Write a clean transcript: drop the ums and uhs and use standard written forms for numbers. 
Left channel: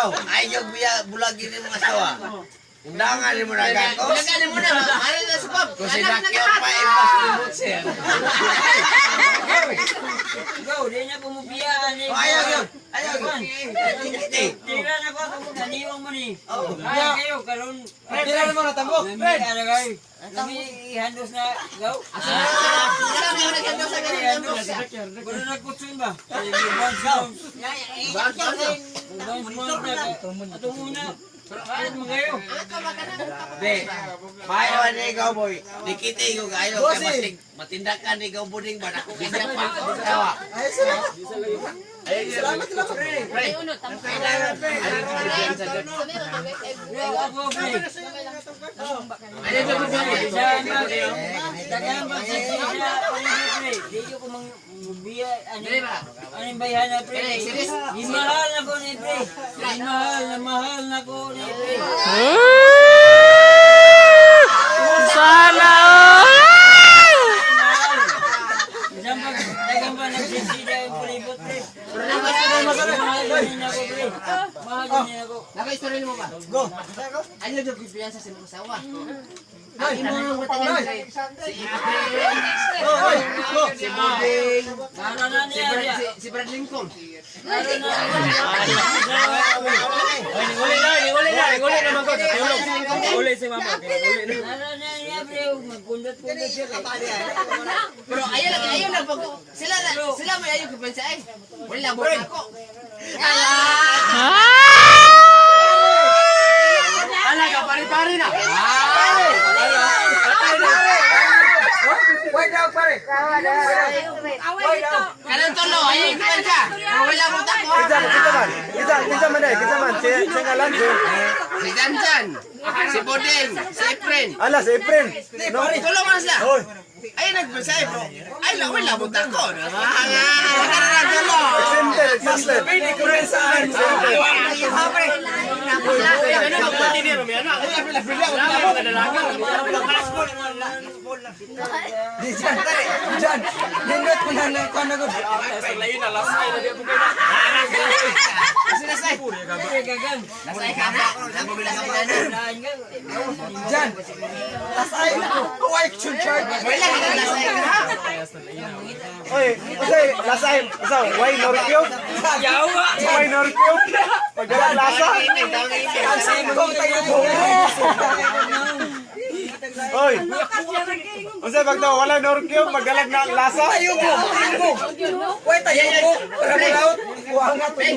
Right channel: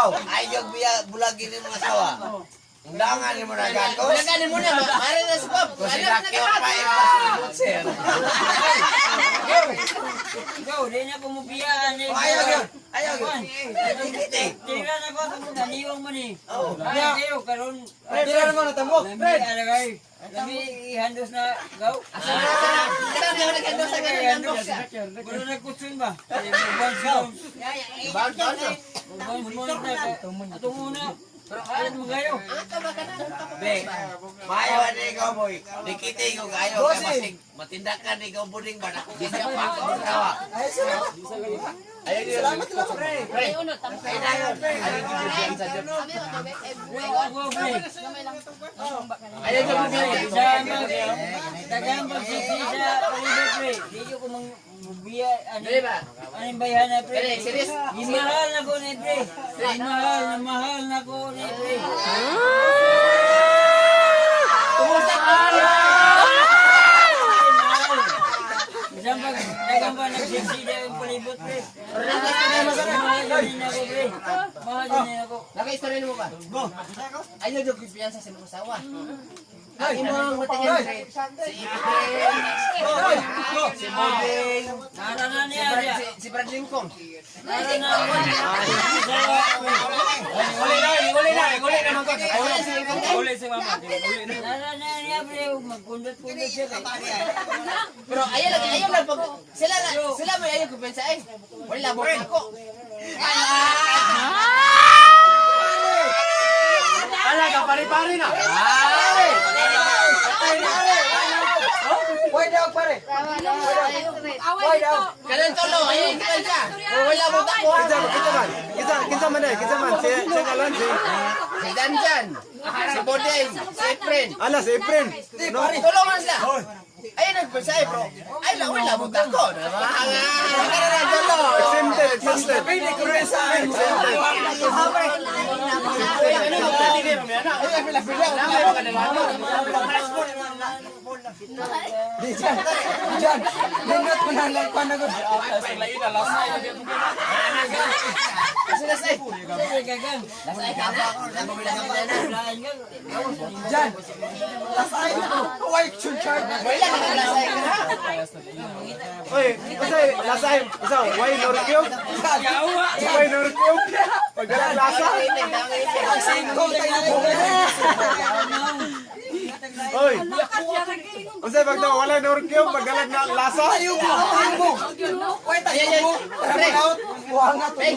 ikaw, ayaw bulagin ng mga asawa. Undangan mo na gakos. Bulagin mo na. Ari na sa pub. Kung sinakyo pa, impossible, sir. Go, di na kumupiyaan. Ayaw yun. Ayaw yun. Tinikan ako, naniwang mo ni. Kaya kayo, karon. Tirahan mo na tambok. Nami, alagay. Nami, ihandos na. Go. Pero nagkutsun ba? Atong una. Alat mo kayo. Be, payaw na ikaw, boy. Nikiti ko kayo. Kasi matindakan ikaw buding ba? Ako ganyan pa ako asawa. Salamat na po, pre. Ako, pre. Ayun na po, pre. Dagang magsisisa, pre. Dito ko biya, anong bayan na, pre? Imahal na ko ni, pre. Mahal na ko ni, pre. Sana! Dagang ba nagsisisa ang palibot, pre? Mahal din ako, pre. Mahal din ako. Naka-istorya mo ba? Go. Ayaw yung pipiyansa sa mga asawa. Ang imong matagal si Ibrahim, Go. si Boding, Para na niya. si Brad Lincoln. Para na niya. Huli na mga kota. Uli si mama. Para na niya, pre. Magkundot-kundot siya. Pero ayaw lang pag sila may ayaw kupiyansa eh. Wala mo ako. Wala ka, pare-pare na. Wait daw, pare. Kanan tolo, ayaw kupiyansa. Wala mo ako. Kita man. Siya ngalan siya. Si Janjan, si Boding, si Efren. Ala, si Efren. No. Tulungan sila. Ay, nagpisa eh, bro. Ay, wala mo ako. Kanan tolo. Sister. Pwede ko rin saan. Diyan, nindot mo na lang panagod. Gagang. Diyan. Lasay ko. Huwag yung charge. Oy, lasay. Why norkyo? Yawa! Why norkyo? Pagdalang lasa. Oy. Unsay pag daw wala norkyo, magalag na lasa. Ayo mo. Wait, ayo mo. Hey,